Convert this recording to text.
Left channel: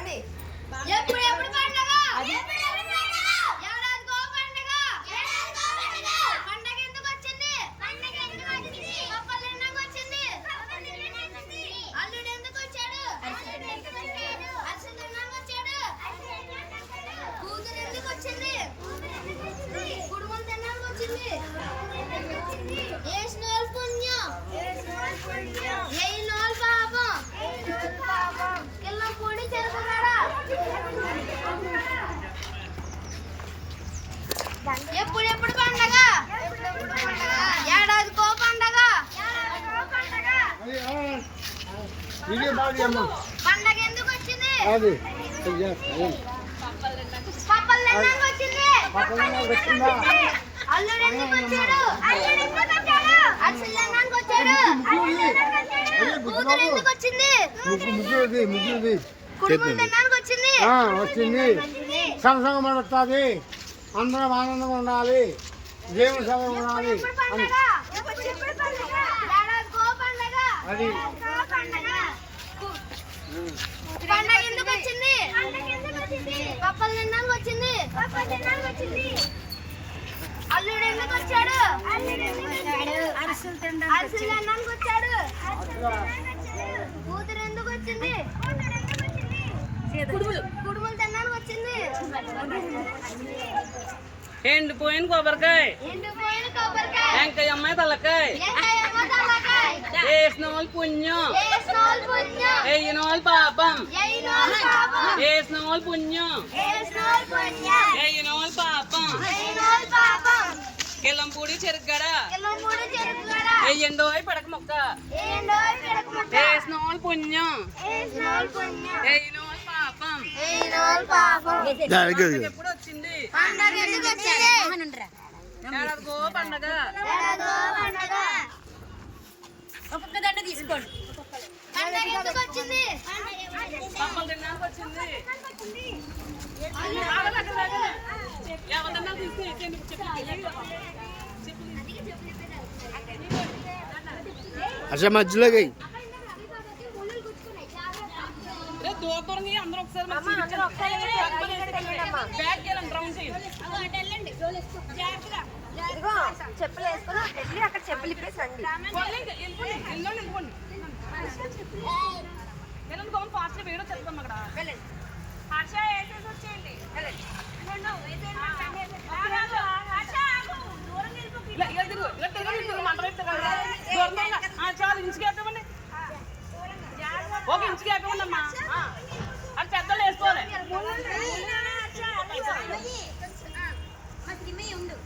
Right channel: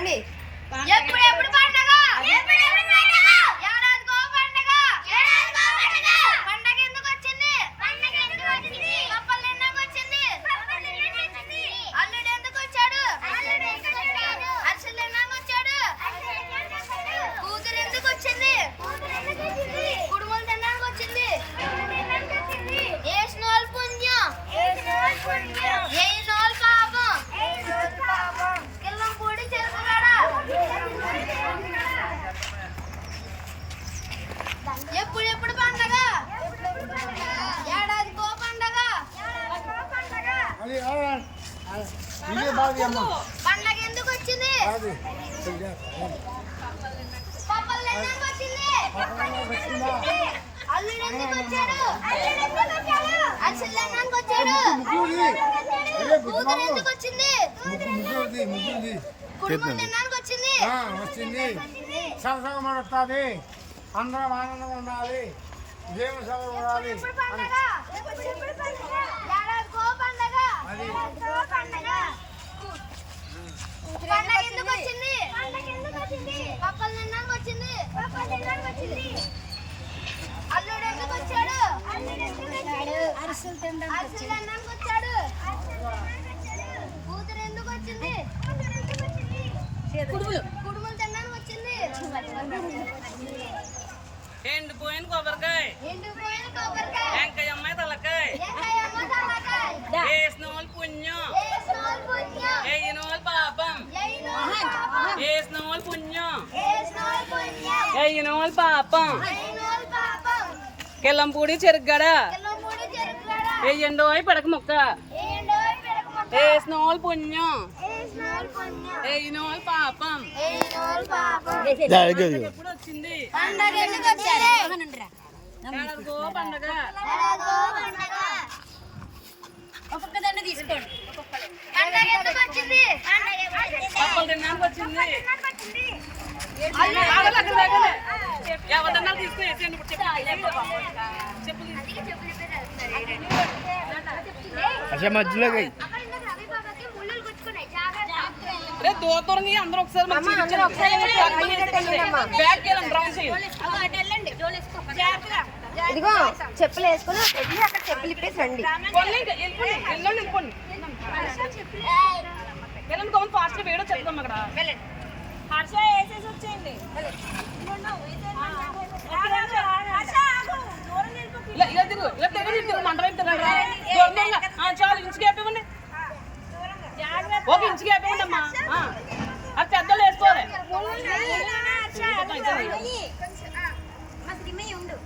ఎప్పుడు పండగ ఏడాదికో పండగ పండగ ఎందుకు వచ్చింది పప్పలు తిన్నాక వచ్చింది అల్లుడు ఎందుకు వచ్చాడు అరిసెలు తిన్నాక వచ్చాడు కూతురు ఎందుకు వచ్చింది కుడుములు తిన్నాక వచ్చింది ఏసినోళ్ళు పుణ్యం ఏయినోళ్ళు పాపం కిల్లం పూడి చెరుకుగడ ఎప్పుడు పండగ ఏడాదికో పండగ పండగ ఎందుకు వచ్చింది పప్పలు తిన్నాక వచ్చింది అల్లుడు ఎందుకు వచ్చాడు అరిసెలు తిన్నాక వచ్చాడు కూతురు ఎందుకు వచ్చింది కుటుంబం తిన్నాక వచ్చింది సంవత్సరం వస్తుంది అందరం ఆనందంగా ఉండాలి దేవుని సమయం ఉండాలి పండగ ఎందుకు వచ్చింది పప్పలు తిన్నాక వచ్చింది అల్లుడు ఎందుకు వచ్చాడు అరిసెలు తిన్నాక వచ్చాడు కూతురు ఎందుకు వచ్చింది కుడుములు తిన్నాక వచ్చింది ఎండిపోయిన కొబ్బరికాయ వెంకయ్యమ్మ తలకాయ వేసిన వాళ్ళు పుణ్యం వేయిన వాళ్ళు పాపం వేసిన వాళ్ళు పుణ్యం వేయిన వాళ్ళు పాపం కిల్లంపూడి చెరుగడ వెయ్యండో పడక మొక్క వేసిన వాళ్ళు పుణ్యం వేయిన వాళ్ళు పాపం ఎప్పుడు వచ్చింది పండగ ఒక్కొక్క దండ తీసుకోండి పండగ ఎందుకు వచ్చింది అసలు మధ్యలో దూరంగా అందరూ ఒకసారి ఇదిగో చెప్పులు వేసుకుని అక్కడ చెప్పులు ఇప్పేసి రండి ఫాస్ట్ వేయడం చెప్తాం అక్కడ హర్ష వేసేసి వచ్చేయండి చాలు ఇంచుకి అయిపోయింది ఒక ఇంచుకి అయిపోయింది అమ్మా అది పెద్దలు వేసుకోవాలి ముందు